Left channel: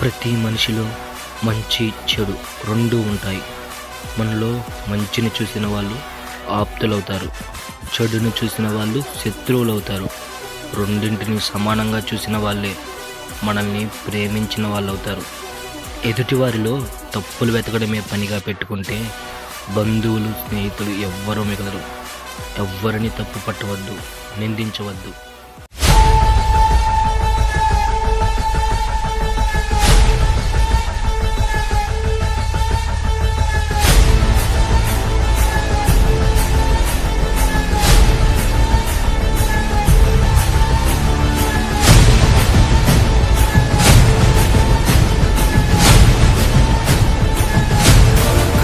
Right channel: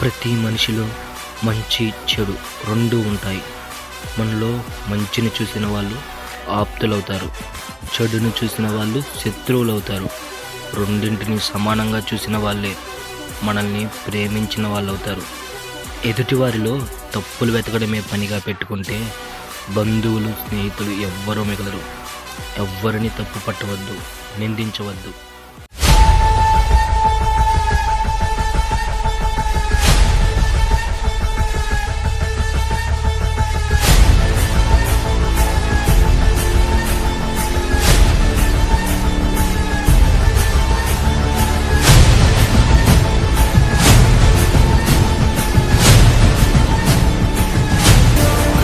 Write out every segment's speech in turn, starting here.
ప్రతి మనిషిలో మంచి చెడు రెండూ ఉంటాయి. మనలో మంచిని చూసిన వాళ్ళు ఆప్తులవుతారు, చెడును చూసిన వాళ్ళు శత్రువులు అవుతారు. రెండింటిని సమానంగా చూసిన వాళ్ళే మనల్ని ప్రేమించిన వాళ్ళు అవుతారు. ఎదుటివారిలో తప్పులు వెతకడమే పనిగా పెట్టుకుంటే బంధువులు, స్నేహితులు ఎవ్వరూ మిగలరు. ఎవ్వరిని తప్పు పట్టవద్దు, నిందించవద్దు.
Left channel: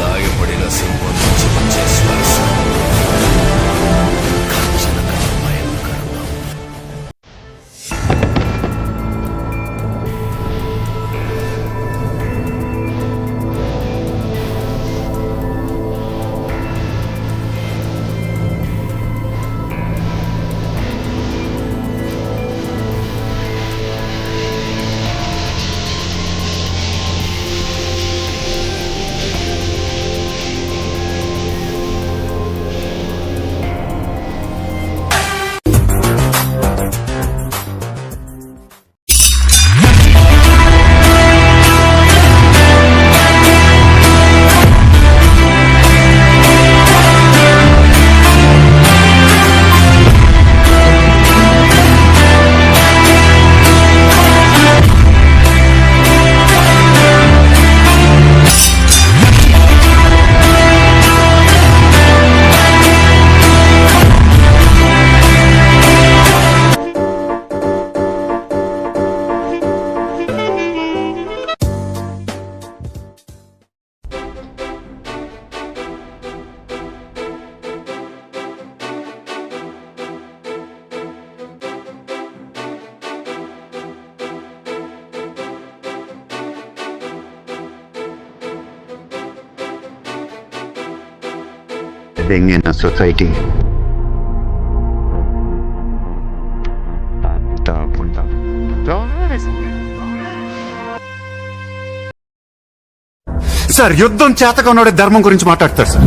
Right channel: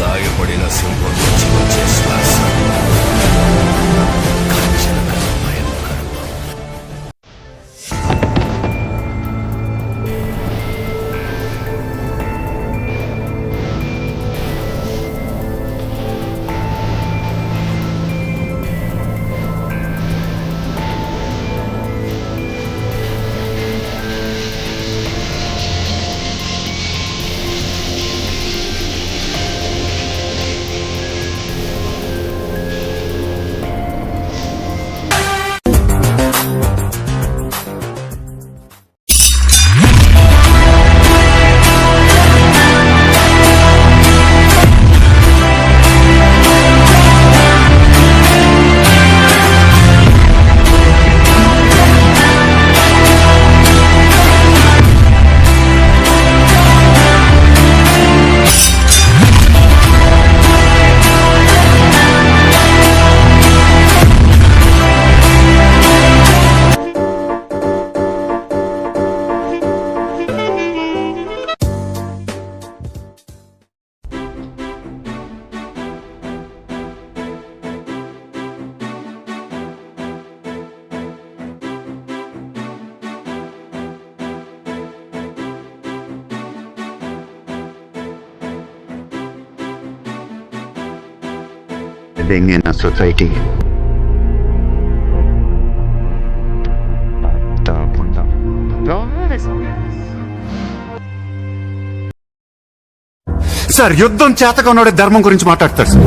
గాయపడిన సింహం నుంచి వచ్చే శ్వాస గర్జన కన్నా భయంకరంగా ఉంది. Living in a society. Sir, యుద్ధం చేతకొన్నాడే ధర్మం గురించి మాట్లాడతారు సార్.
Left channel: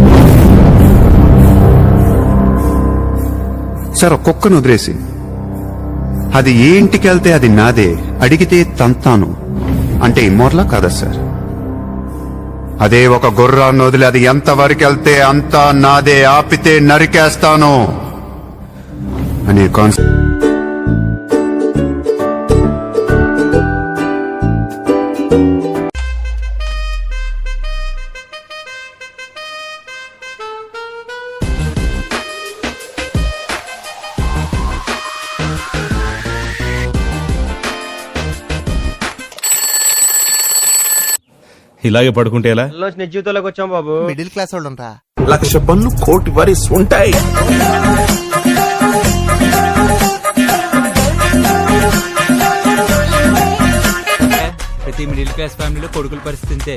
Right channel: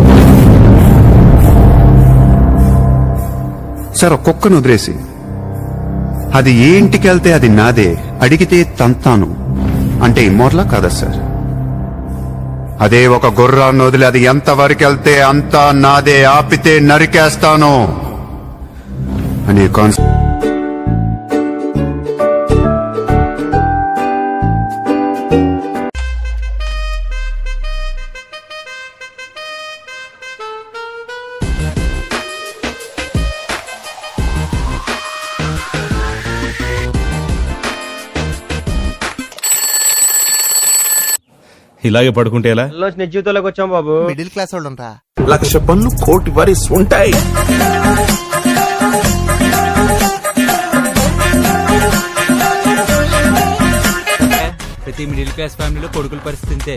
సార్, ఒక కుక్కను వదిలేసి అది ఏ ఇంటికి వెళ్తే అది నాదే, అడిగితే తంతాను అంటే ఇమ్మోర్లా కాదా సార్? అదే ఒక గుర్రాన్ని వదిలి అది ఎంతవరకు వెళ్తే అంతా నాదే, ఆపితే నరికేస్తాను అనే కాన్సెప్ట్. ఇలాగే పడుకుంటే ఎలా? జీవితంలోకి వచ్చాం బాబు. మిడిల్ క్లాస్ వాళ్ళు ఉంటా. 1,00,000 పన్ను, 1,00,00,000 వరిస్ ఉంటాయి. ప్రతి మిడిల్ క్లాస్ ఫ్యామిలీలో కొడుకుల పరిస్థితి ఇంతే.